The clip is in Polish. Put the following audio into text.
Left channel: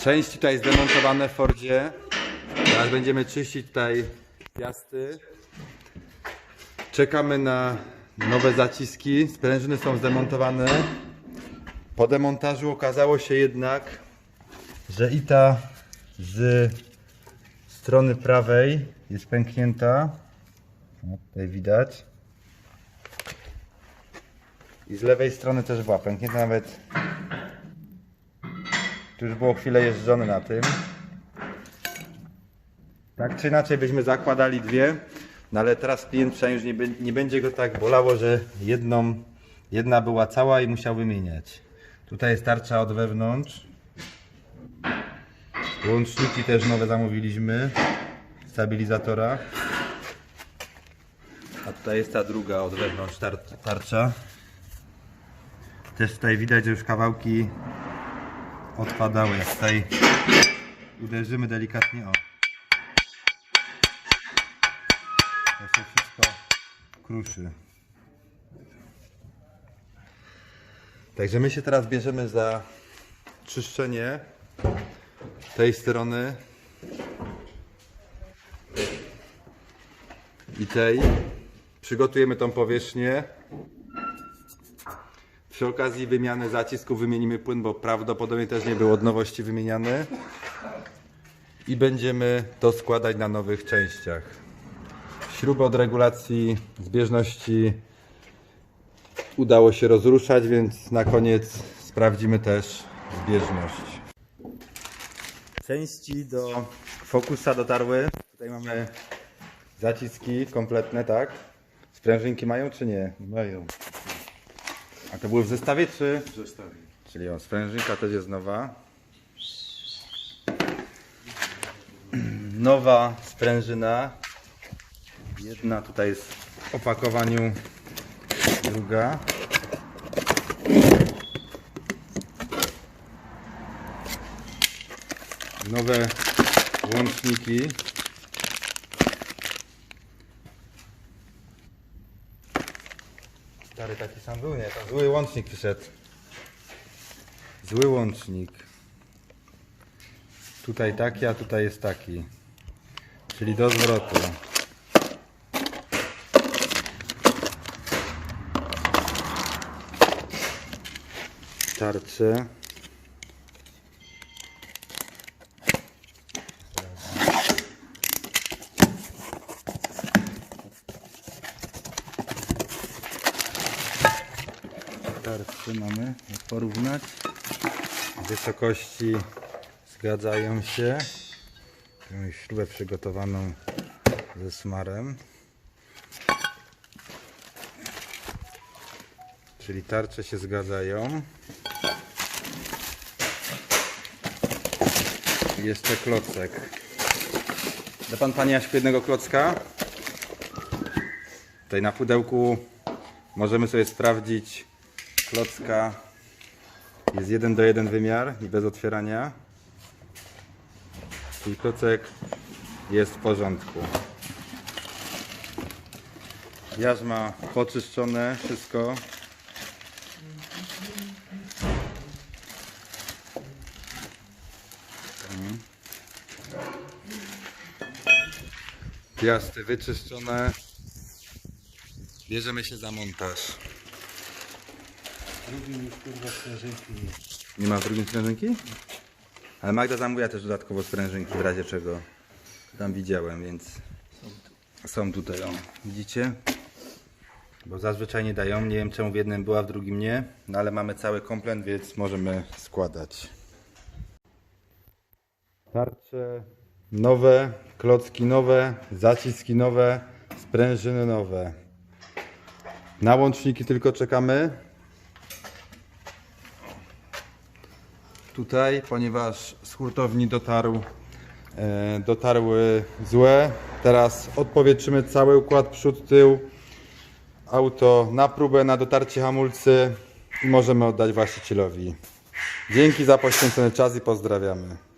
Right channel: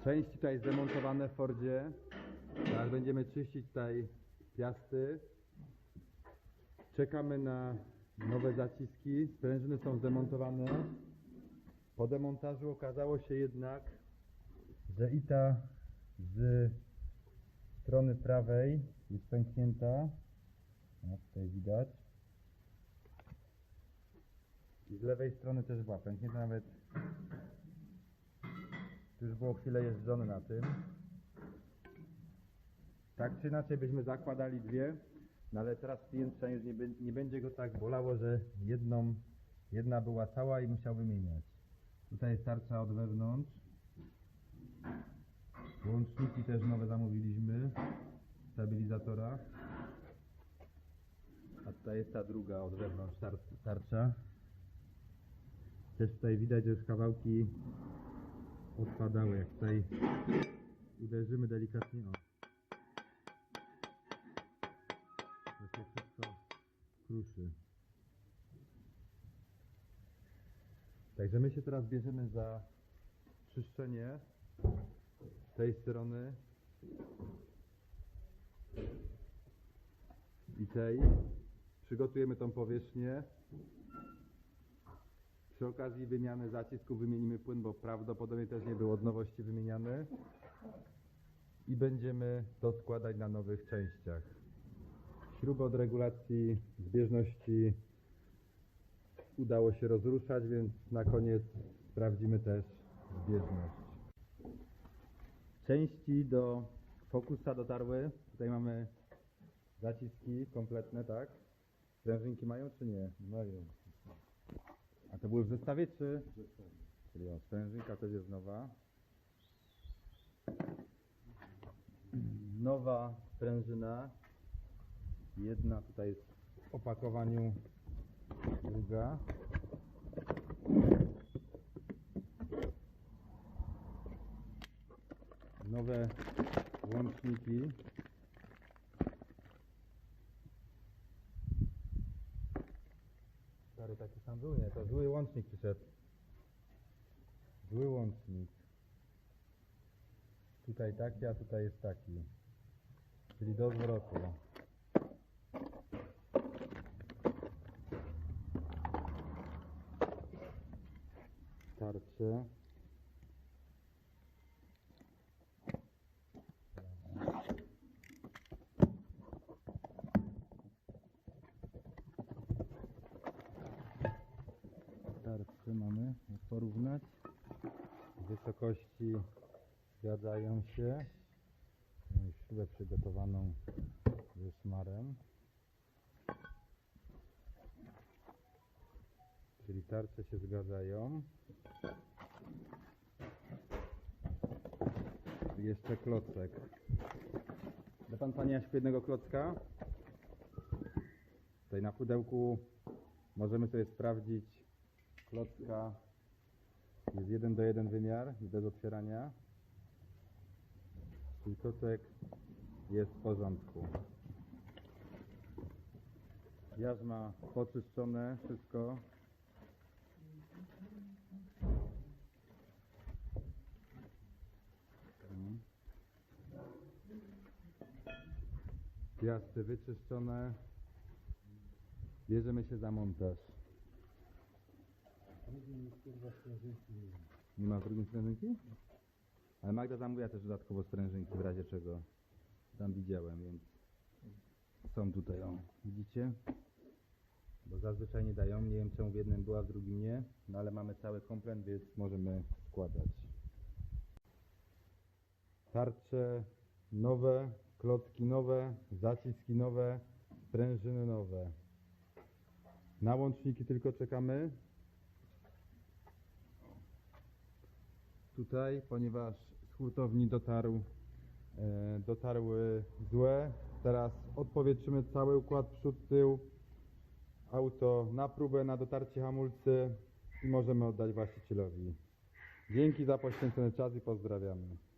Części tutaj zdemontowane w Fordzie. Teraz będziemy czyścić tutaj piasty. Czekamy na nowe zaciski. Sprężyny są zdemontowane. Po demontażu okazało się jednak, że i ta z strony prawej jest pęknięta. O, tutaj widać. I z lewej strony też była pęknięta nawet. Już było chwilę jeżdżone na tym. Tak czy inaczej byśmy zakładali dwie, no ale teraz klient przynajmniej nie, nie będzie go tak bolało, że jedną, jedna była cała i musiał wymieniać. Tutaj jest tarcza od wewnątrz. Łączniki też nowe zamówiliśmy. Stabilizatora. A tutaj jest ta druga od wewnątrz tar tarcza. Też tutaj widać, że już kawałki odpadały. Jak tutaj uderzymy delikatnie o. To się wszystko kruszy. Także my się teraz bierzemy za czyszczenie tej strony i tej. Przygotujemy tą powierzchnię. Przy okazji wymiany zacisku wymienimy płyn, bo prawdopodobnie też nie był od nowości wymieniany. I będziemy to składać na nowych częściach. Śrubę od regulacji zbieżności udało się rozruszać, więc na koniec sprawdzimy też zbieżność. Części do Focusa dotarły. Tutaj mamy zaciski kompletne, tak? Sprężynki mają czy nie? Mają A to były w zestawie czy? w zestawie. Czyli o, sprężynka też jest nowa. Nowa sprężyna. Jedna tutaj jest w opakowaniu, druga. Nowe łączniki. Stary taki sam był, nie? To zły łącznik przyszedł. Zły łącznik. Tutaj taki, a tutaj jest taki. Czyli do zwrotu. Tarcze. Tarcze mamy, jak porównać. Wysokości zgadzają się. Mamy śrubę przygotowaną ze smarem. Czyli tarcze się zgadzają. Jeszcze klocek. Da pan panie Jaśku jednego klocka? Tutaj na pudełku możemy sobie sprawdzić klocka jest jeden do jeden wymiar i bez otwierania. Czyli klocek jest w porządku. Jarzma poczyszczone, wszystko. Piasty wyczyszczone. Bierzemy się za montaż. Drugim już kurwa sprężynki nie. Nie ma w drugim sprężynki? Ale Magda zamówiła też dodatkowo sprężynki w razie czego. Tam widziałem, więc są tutaj, o. Widzicie? Bo zazwyczaj nie dają. Nie wiem czemu w jednym była, w drugim nie. No ale mamy cały komplet, więc możemy składać. Tarcze nowe, klocki nowe, zaciski nowe, sprężyny nowe. Na łączniki tylko czekamy. Tutaj, ponieważ z hurtowni dotarł, e, dotarły złe. Teraz odpowietrzymy cały układ przód, tył, auto na próbę, na dotarcie hamulcy i możemy oddać właścicielowi. Dzięki za poświęcony czas i pozdrawiamy.